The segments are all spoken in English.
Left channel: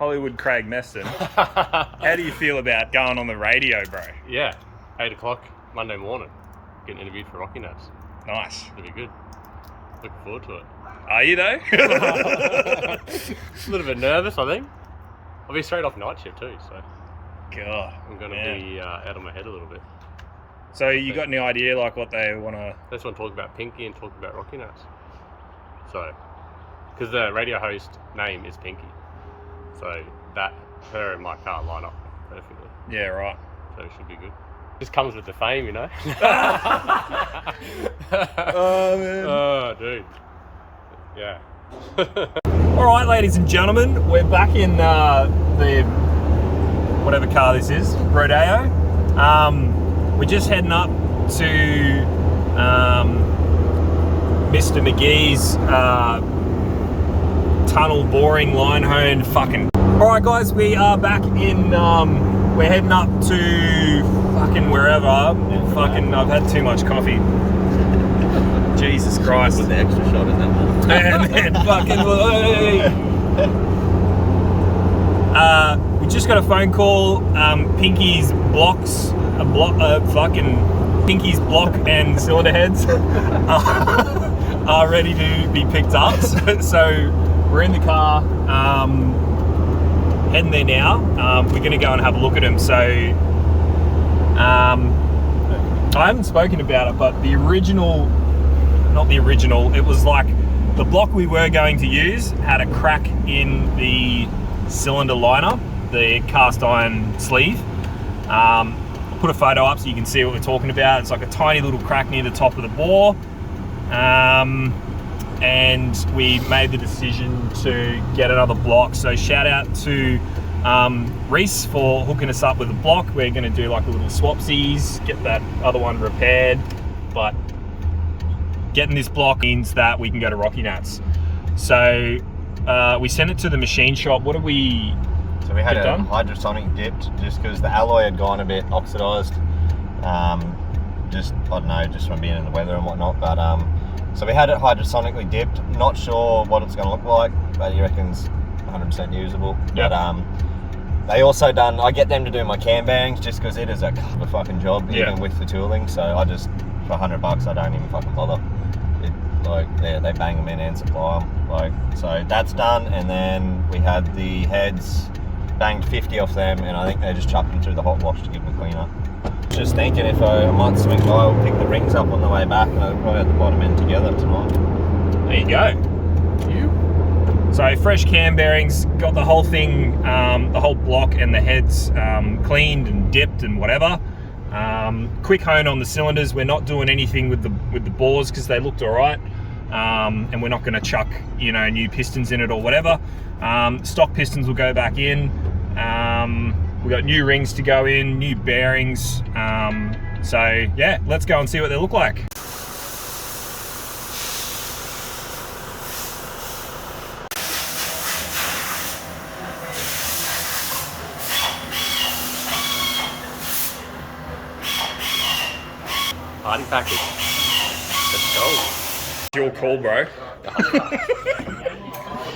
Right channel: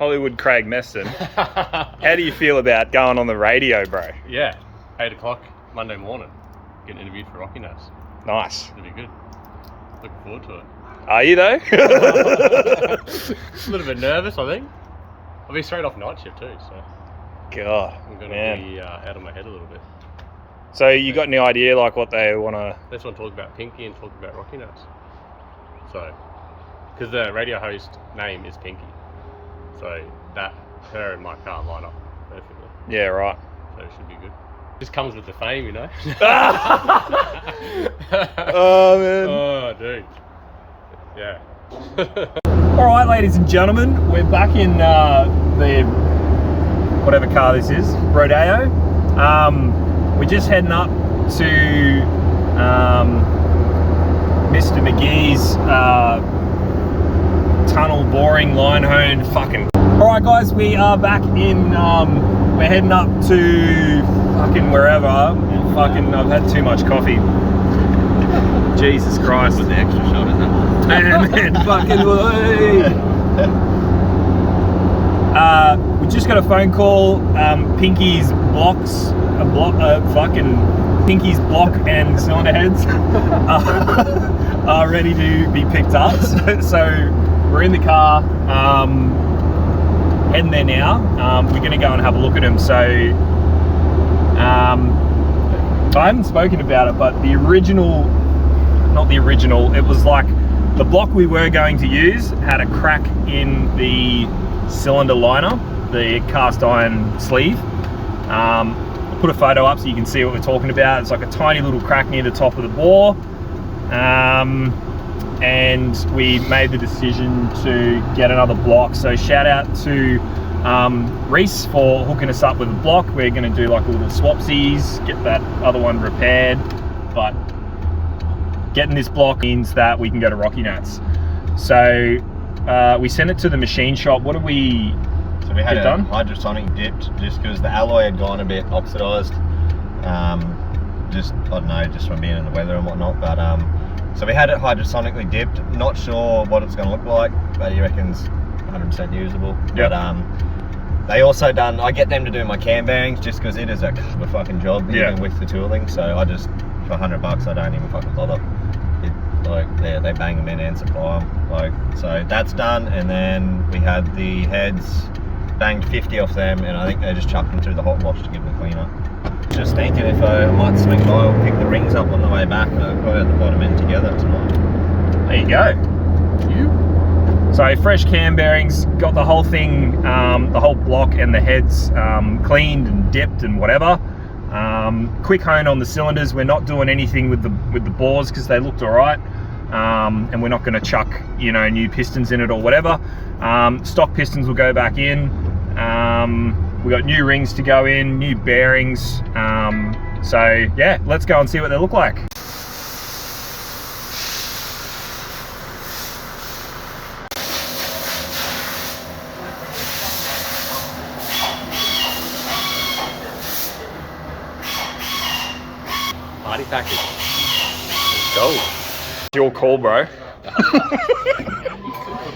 Hollywood Craig Meston. How do you feel about going on the radio, bro? Yeah, 8 o'clock Monday morning, getting interviewed for Rockynats. Nice. It'll be good. Looking forward to it. Are you though? A little bit nervous, I think. I'll be straight off night shift too, so God, I'm going to be out of my head a little bit. So you got any idea like what they want to... They just want to talk about Pinky and talk about Rockynats. So, because the radio host name is Pinky. So that, her and my car line up perfectly. Yeah, right. So it should be good. Just comes with the fame, you know? Oh, man. Oh, dude. Yeah. All right, ladies and gentlemen, we're back in the whatever car this is, Rodeo. We're just heading up to Mr. McGee's tunnel boring line hone fucking. All right, guys, we are back in. We're heading up to fucking wherever. Fucking, I've had too much coffee. Jesus Christ. With the extra shot, is that one? And then fucking, we just got a phone call. Pinky's blocks, Pinky's block and cylinder heads are ready to be picked up. So we're in the car, heading there now. We're going to go and have a look at them. So I haven't spoken about it, but the original, not the original, it was like the block we were going to use had a crack in the cylinder liner, the cast iron sleeve. I'll put a photo up so you can see what we're talking about. It's like a tiny little crack near the top of the bore. And we made the decision to get another block. So shout out to Reese for hooking us up with a block. We're going to do like little swapsies, get that other one repaired. But getting this block means that we can go to Rockynats. So we sent it to the machine shop. What did we So we had get a done? hydrosonic dipped just because the alloy had gone a bit oxidized. Just, I don't know, just from being in the weather and whatnot. But so we had it hydrosonically dipped. Not sure what it's going to look like, but he reckons 100% usable. Yep. But they also done, I get them to do my cam bearings just because it is a fucking job, even with the tooling. So I just, for $100, I don't even fucking bother. They bang them in and supply them. So that's done, and then we had the heads, banged 50 off them, and I think they just chucked them through the hot wash to give them a clean up. Just thinking if I might swing by, we'll pick the rings up on the way back, and I'll probably have the bottom end together tonight. There you go. So fresh cam bearings, got the whole thing, the whole block and the heads cleaned and dipped and whatever. Quick hone on the cylinders. We're not doing anything with the bores because they looked all right, and we're not going to chuck new pistons in it or whatever. Stock pistons will go back in. We got new rings to go in, new bearings. So yeah, let's go and see what they look like. Party package. Let's go. It's your call, bro.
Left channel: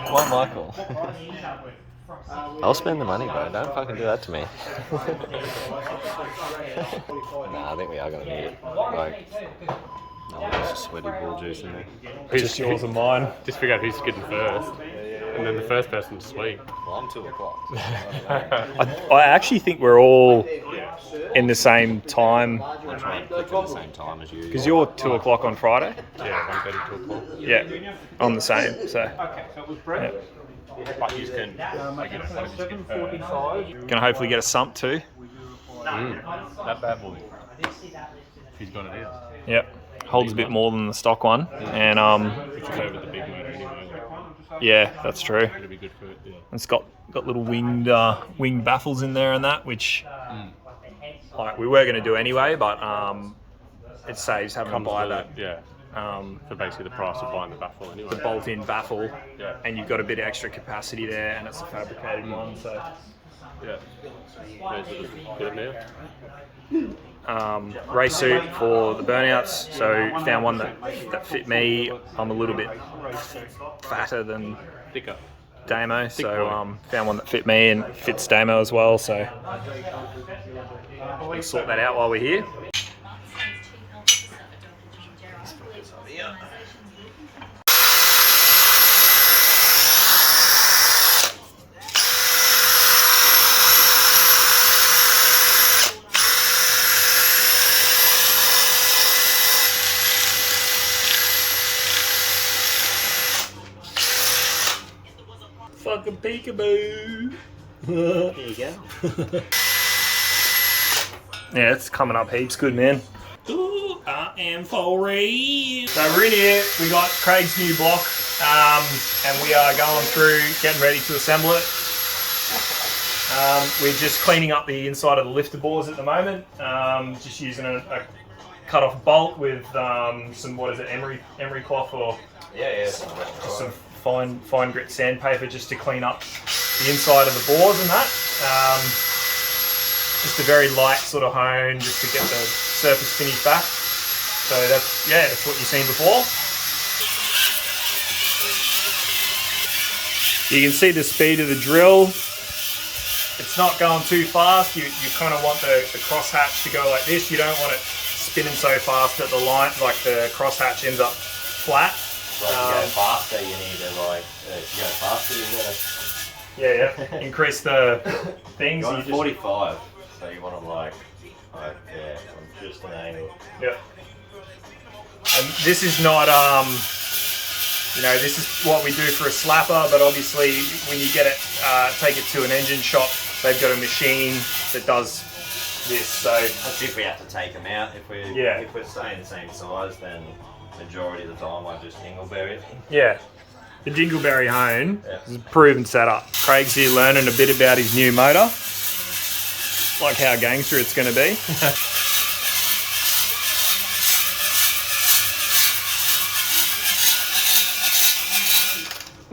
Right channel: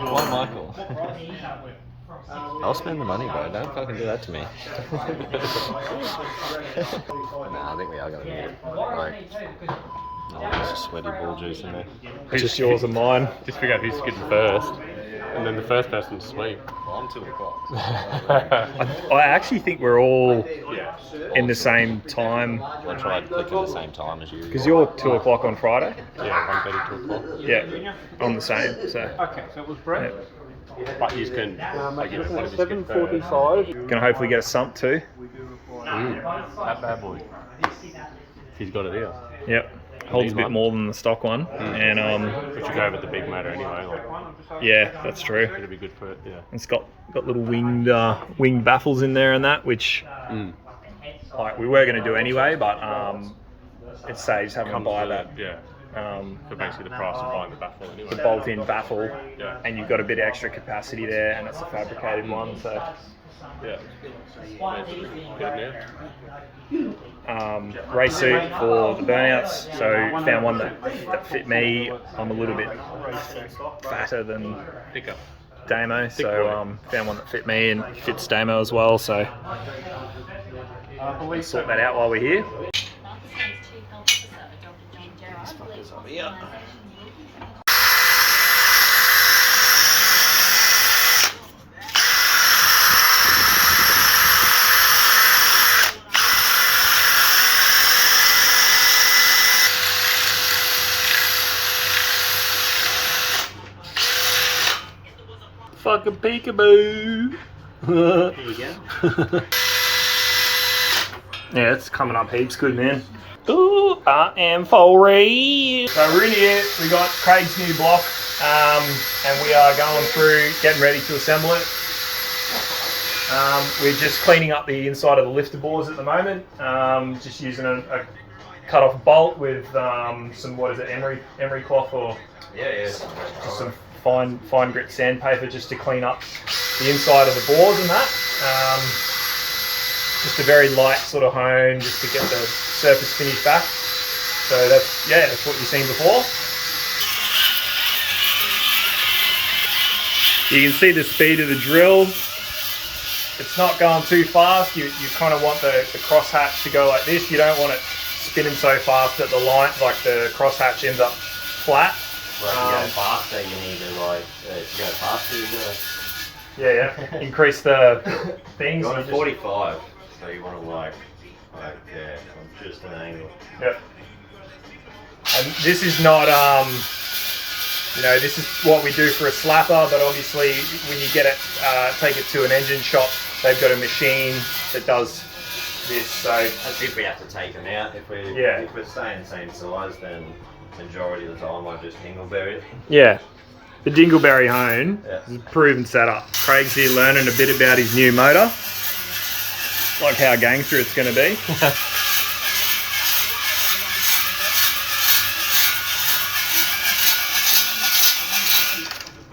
Oh, Michael. I'll spend the money, bro. Don't fucking do that to me. Nah, I think we are going to need it. No one has a sweaty bull juice in there. It's just yours and mine. Just figure out who's skidding first, and then the first person to sleep. Well, I'm 2 o'clock. I actually think we're all in the same time. I'll try to click at the same time as you. Because you're 2 o'clock on Friday. Yeah, 1:30, 2 o'clock. Yeah, on the same. So But you can make it 7:45. gonna hopefully get a sump too. That bad boy. He's got it here. Yep, holds a bit more than the stock one, and We should go with the big motor anyway. yeah, that's true. It'll be good for it. Yeah. It's got little winged baffles in there and that, which like we were gonna do anyway, but it saves having to buy that. Yeah. So basically the price of buying the baffle anyway. The bolt-in baffle, Yeah. and you've got a bit of extra capacity there, and it's a fabricated one, so. Yeah. Good now. Race suit for the burnouts, so found one that fit me. I'm a little bit fatter than Thicker. Damo, so found one that fit me and fits Damo as well, so we'll sort that out while we're here. Fucking peekaboo. There you go. Yeah, it's coming up heaps good, man. Ooh, I am for real. So we're in here, we got Craig's new block, and we are going through, getting ready to assemble it. We're just cleaning up the inside of the lifter bores at the moment, just using a cut off bolt with some, what is it, emery cloth or just some fine grit sandpaper just to clean up the inside of the bores and that. Just a very light sort of hone just to get the surface finish back. So that's what you've seen before. You can see the speed of the drill. It's not going too fast. You kind of want the crosshatch to go like this. You don't want it spinning so fast that the line, like the crosshatch, ends up flat. Well, to go faster, you need to to go faster. You gotta. Yeah. Increase the things. You want a 45, so you want to like from just an angle. Yep. And this is not this is what we do for a slapper, but obviously when you get it, take it to an engine shop, they've got a machine that does this. So that's if we have to take them out. If we're staying the same size, then majority of the time I just dingleberry it. Yeah. The dingleberry hone is a proven setup. Craig's here learning a bit about his new motor. Like how gangster it's going to be.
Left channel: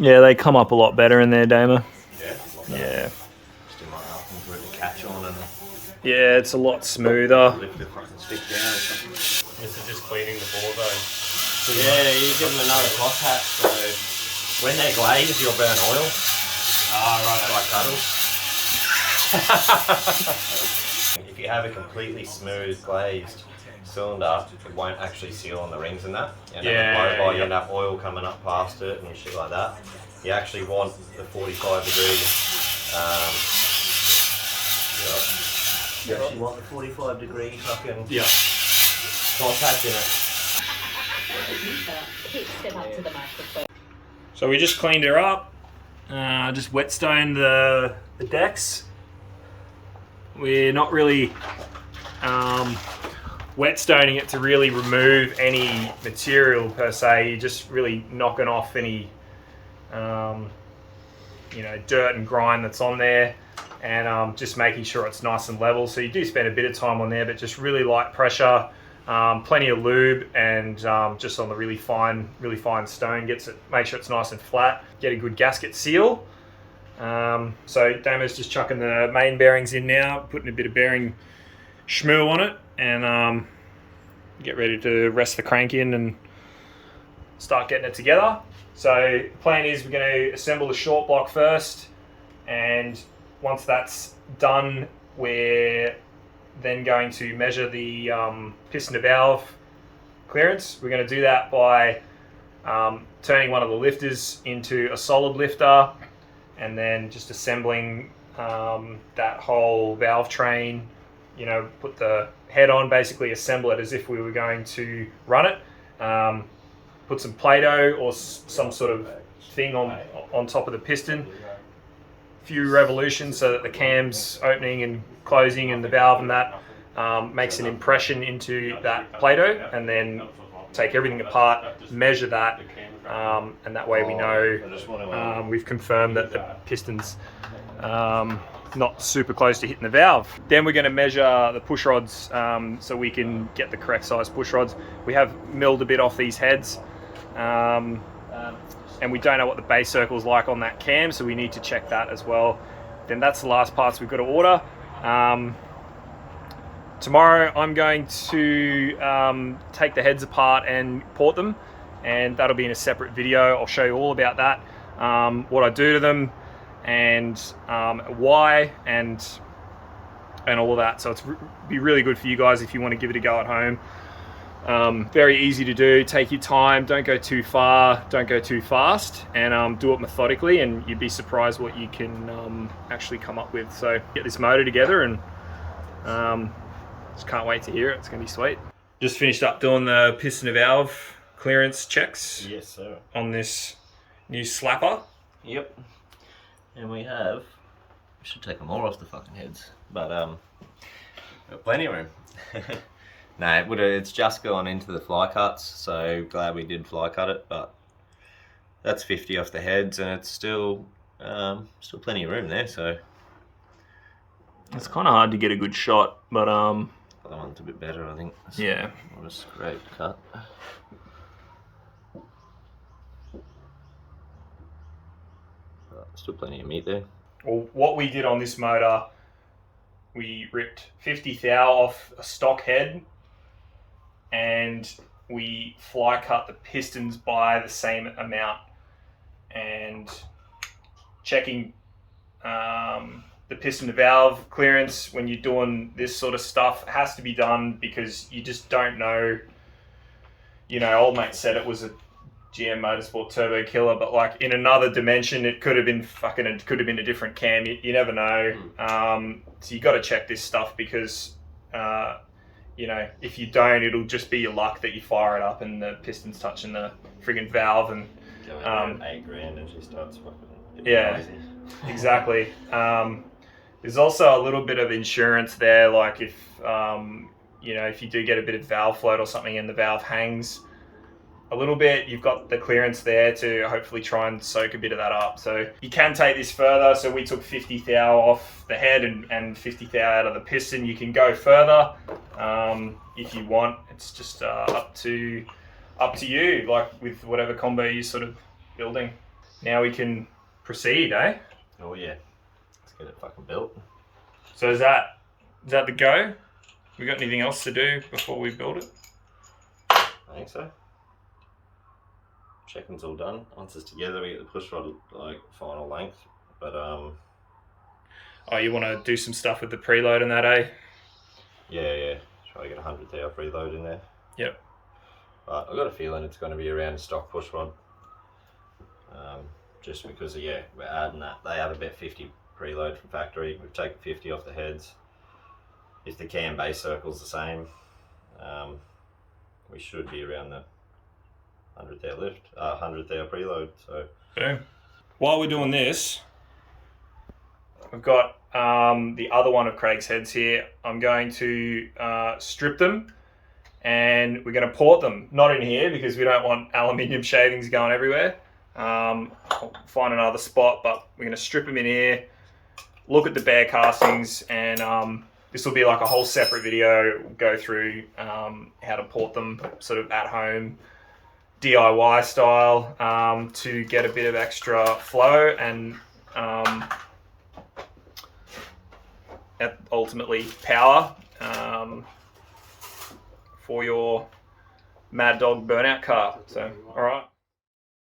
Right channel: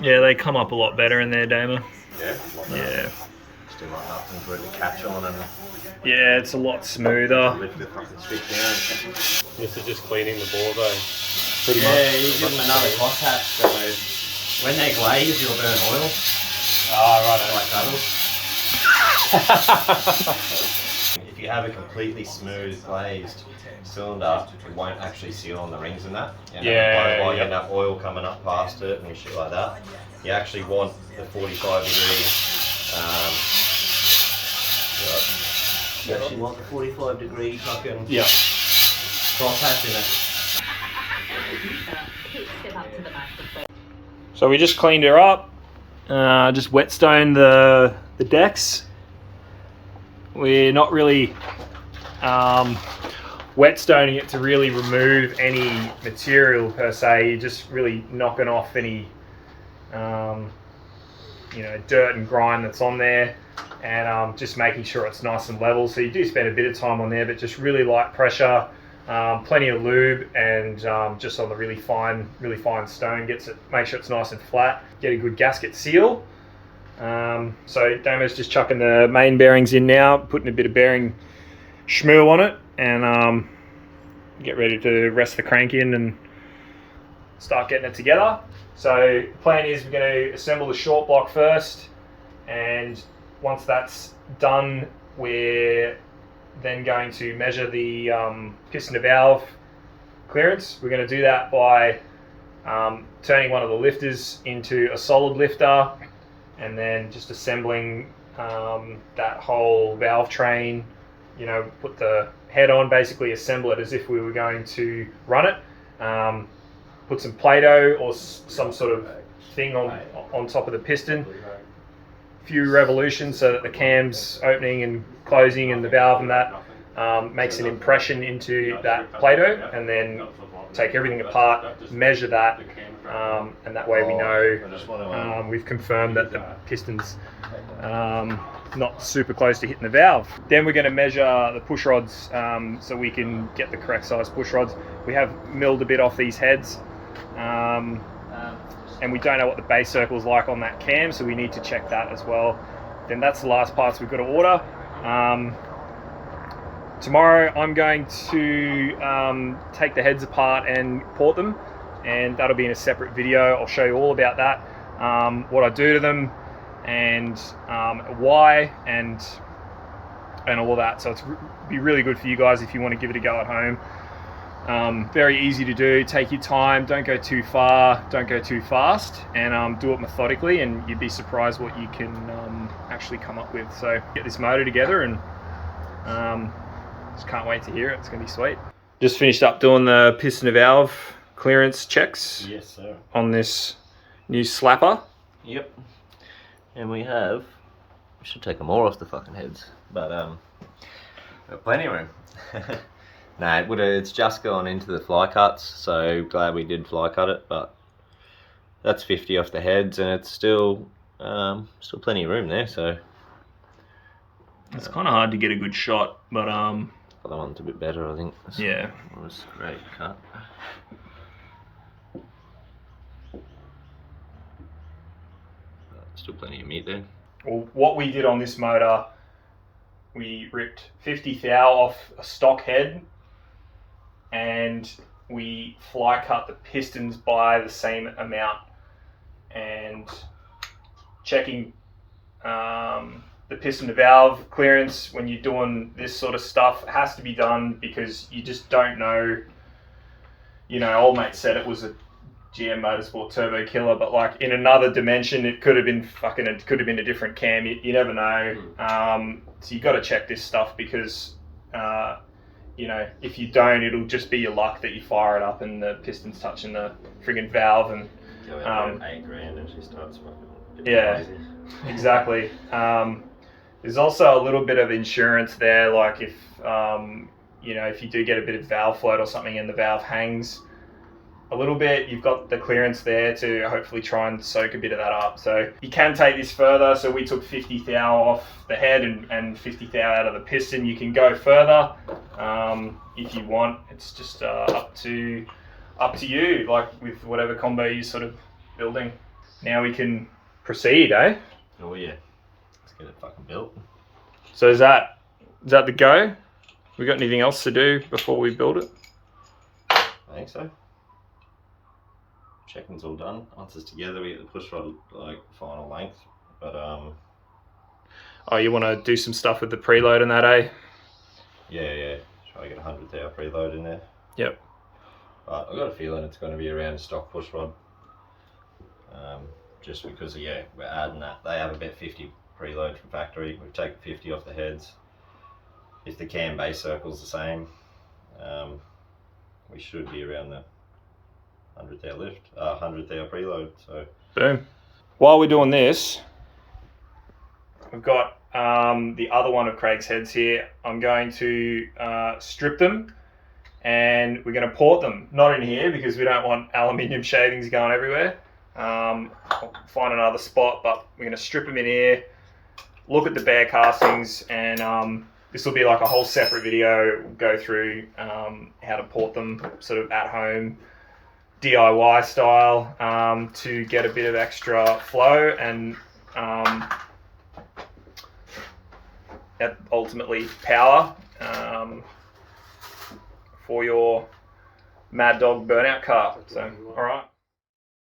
Yeah, they come up a lot better in there, Damo. Yeah, a lot better. Yeah. Still like nothing for it to catch on and Yeah, it's a lot smoother. lift the fucking stick down. This is just cleaning the bore though. Yeah, you give them another crosshatch, so when they glaze, you'll burn oil. Like cuddles. If you have a completely smooth glazed cylinder, it won't actually seal on the rings and that. You end up blow by, you end up oil coming up past it and shit like that. You actually want the 45 degree. You actually want the 45 degree fucking crosshatch in it. So we just cleaned her up, just whetstone the decks. We're not really whetstoning it to really remove any material per se. You're just really knocking off any dirt and grime that's on there, and just making sure it's nice and level. So you do spend a bit of time on there, but just really light pressure. Plenty of lube, and just on the really fine stone, make sure it's nice and flat, get a good gasket seal. So Damo's just chucking the main bearings in now, putting a bit of bearing schmoo on it, and get ready to rest the crank in and start getting it together. So the plan is we're going to assemble the short block first, and once that's done, we're then going to measure the piston to valve clearance. We're going to do that by turning one of the lifters into a solid lifter, and then just assembling that whole valve train, put the head on, basically assemble it as if we were going to run it. Put some Play-Doh or some sort of thing on top of the piston, a few revolutions so that the cam's opening and closing and the valve and that makes an impression into that Play-Doh, and then take everything apart, measure that, and that way we know we've confirmed that the piston's not super close to hitting the valve. Then we're going to measure the push rods so we can get the correct size push rods. We have milled a bit off these heads, and we don't know what the base circle is like on that cam, so we need to check that as well. Then that's the last parts we've got to order. Tomorrow I'm going to take the heads apart and port them, and that'll be in a separate video. I'll show you all about that. what I do to them, and why, and all that. So it's be really good for you guys if you want to give it a go at home. Very easy to do. Take your time, don't go too far, don't go too fast, and do it methodically, and you'd be surprised what you can actually come up with. So get this motor together, and just can't wait to hear it. It's gonna be sweet. Just finished up doing the piston and valve clearance checks. Yes, sir. On this new slapper. Yep. And we should take them all off the fucking heads, but got plenty of room. No, it's just gone into the fly cuts, so glad we did fly cut it, but that's 50 off the heads, and it's still plenty of room there, so. It's kind of hard to get a good shot, but Other one's a bit better, I think. So yeah. It was a great cut. Still plenty of meat there. Well, what we did on this motor, we ripped 50 thou off a stock head, and we fly cut the pistons by the same amount, and checking the piston to valve clearance when you're doing this sort of stuff has to be done, because you just don't know. You know, old mate said it was a GM Motorsport turbo killer, but like in another dimension, it could have been a different cam. You never know. So you got to check this stuff, because you know, if you don't, it'll just be your luck that you fire it up and the piston's touching the friggin' valve, and Go out there at $8,000 and she starts fucking. Yeah, crazy. Exactly. There's also a little bit of insurance there, like if you know, if you do get a bit of valve float or something and the valve hangs a little bit, you've got the clearance there to hopefully try and soak a bit of that up. So you can take this further. So we took 50 thou off the head and 50 thou out of the piston. You can go further if you want. It's just up to you, like with whatever combo you're sort of building. Now we can proceed, eh? Oh yeah. Let's get it fucking built. So is that the go? We got anything else to do before we build it? I think so. Checking's all done. Once it's together, we get the push rod like final length. But oh, you want to do some stuff with the preload and that, eh? yeah. Try to get 100 thou preload in there. Yep. But I've got a feeling it's going to be around stock push rod. Just because we're adding that. They have about 50 preload from factory. We've taken 50 off the heads. If the cam base circle's the same, we should be around the 100 thou lift, 100 thou preload. So boom. While we're doing this, we've got the other one of Craig's heads here. I'm going to strip them, and we're going to port them. Not in here, because we don't want aluminium shavings going everywhere. I'll find another spot, but we're going to strip them in here, look at the bare castings, and this will be like a whole separate video. We'll go through how to port them sort of at home, DIY style, to get a bit of extra flow and ultimately power for your Mad Dog burnout car. So, all right.